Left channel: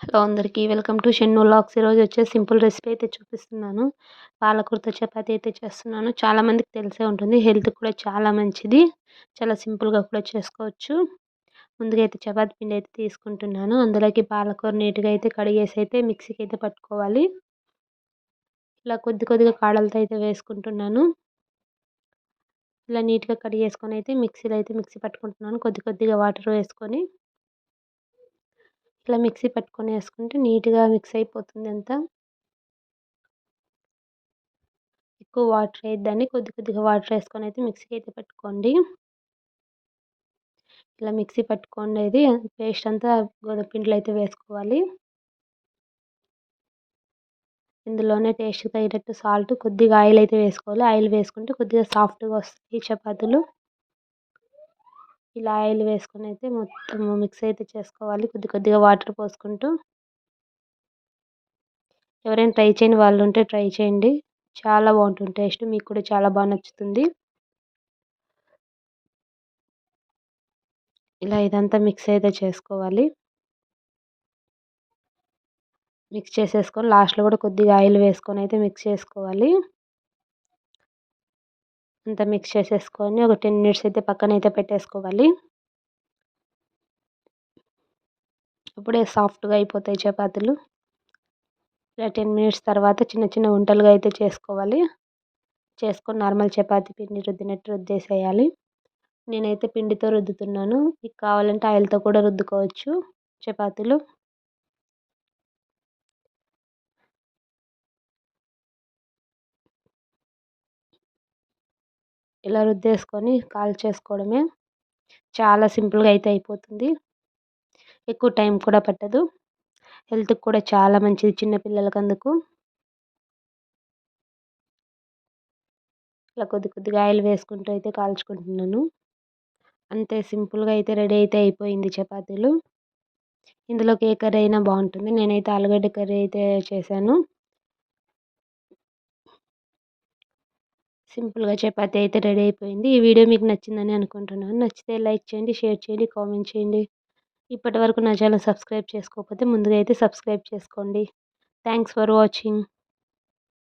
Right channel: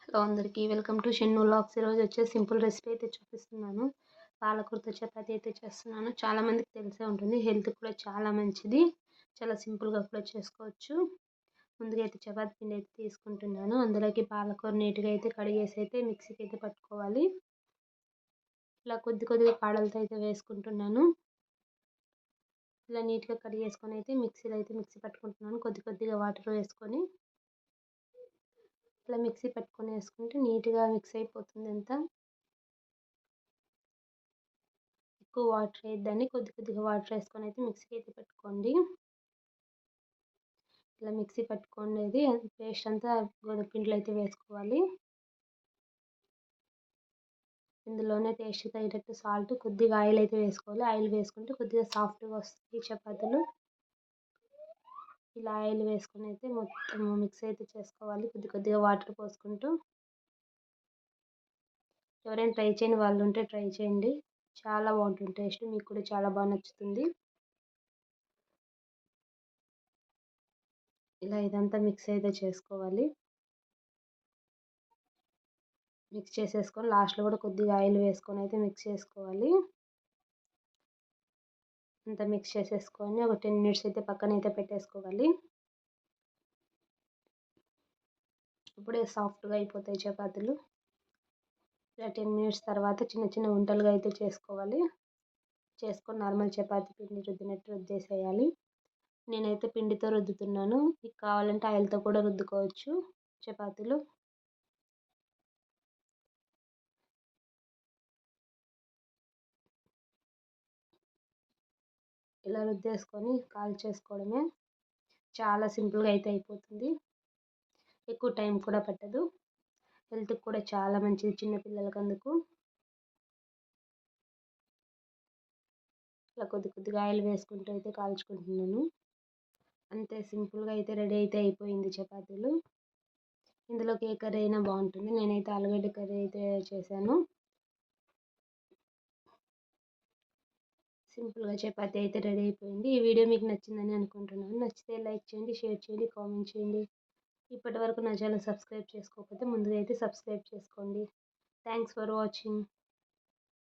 Hello అందరికీ. Welcome to Shennu లాక్స్. ఈరోజు వచ్చేసి సింపుల్ రెసిపీ అయితే చూపిస్తున్నాను. పాలకూరతో చపాతీ అయితే చేస్తున్నాను. చాలామందికి తెలిసే ఉంటుంది. హెల్త్ కూడా చాలా మంచిది. చాలా సింపుల్గా కూడా చేసుకోవచ్చు. ముందుగా అయితే చపాతీ పిండి అయితే తీసుకుంటున్నాను. అందులోకి పాలకూర నీట్గా అయితే కడిగేసి అయితే మిక్సీకి అయితే పట్టుకోవాలి. ఇలా కొద్ది కొద్దిగా కాడలతో అయితే వేసుకుంటున్నాను. ఇలా నీట్గా కడిగేసుకొని అయితే మిక్సీలో అయితే మిక్సీ పట్టుకుంటున్నాను. కొద్ది కొద్దిగా వాటర్ వేసుకొని ఇట్లా మిక్సీ పట్టుకొని వేసుకుంటే నీట్గా మిక్స్ అయిపోతుంది అంతా. ఎక్కువ వాటర్ వేయద్దండి. కొద్ది కొద్దిగా వాటర్ వేసుకొని అయితే మిక్సీకి అయితే పట్టుకోండి. ఇలా మిక్సీ పట్టుకోండి పేస్ట్ అంతా గోధుమ పిండిలో అయితే వేసుకోవాలి. ఇందులోనే టేస్ట్ తగినట్టు సాల్ట్ కొద్దిగా ఆయిల్ అయితే వేసుకోవాలి. ఆయిల్ వేసుకుంటే కొద్దిగా సాఫ్ట్గా వస్తాయి చపాతీలు. ఇలా ఆయిల్ వేసుకొని అయితే మొత్తం మిక్స్ అయితే చేసుకోవాలి. కొద్ది కొద్దిగా వాటర్ పోసుకుంటూ. ఎవరైనా ట్రై చేయని వాళ్ళు ఉంటే ట్రై చేయండి. చాలా బాగుంటుంది. టేస్ట్ మీకు కూడా చాలా బాగా నచ్చుతుంది. ఇలా ఇదంతా మిక్స్ అయితే చేసుకోవాలి. మిక్స్ చేసేసుకొని లాస్ట్లో కూడా కొద్దిగా ఆయిల్ వేసుకొని అయితే మిక్స్ చేసుకోవాలి. అంతా మిక్స్ చేసేసుకొని ఒక టెన్ మినిట్స్ అయితే పక్కన అయితే పెట్టేసుకోవాలి. అప్పుడే సాఫ్ట్గా అయిపోతాయి చపాతీలు. ఇలా టెన్ మినిట్స్ తర్వాత చిన్న చిన్న వంటలుగా అయితే చేసుకోవాలి. చేసుకొని నార్మల్ చపాతీ పిండి రుద్దినట్టు రుద్దేసేయాలి. నేనైతే పిండితో రుద్దుతున్నాను. మీకు కావాలంటే ఆయిల్తో కూడా రుద్దుకోవచ్చు చపాతీలు. ఇలా రుద్దేసుకొని కాల్చేసుకోవడమే చాలా సింపుల్గా అయితే అయిపోతుంది. ఎక్కువ టైం కూడా పట్టదు. హెల్త్కి కూడా చాలా మంచిది చిన్నపిల్లలకి అందుకు ఇలా కొద్ది కొద్దిగా ఆయిల్ వేసుకుంటూ అయితే కాల్చుకుంటున్నాను. అంతే సింపుల్గా అయితే రెడీ అయితే అయిపోయింది చపాతీలు. ఇందులోకి ఏ కర్రీ అయినా బాగుంటుంది. నేనైతే ఆలుగడ్డ కర్రీ అయితే చేశాను. సింపుల్గా చపాతీ అయితే రెడీ అయిపోయింది. ఈ వీడియో మీకు నచ్చిందని అనుకుంటున్నాను. నచ్చితే లైక్ చేయండి షేర్ చేయండి కామెంట్ చేయండి. ఇప్పటి వరకు నా ఛానల్ సబ్స్క్రైబ్ చేసుకోకపోతే ముందుగా అయితే సబ్స్క్రైబ్ చేసుకోండి. Thanks for watching.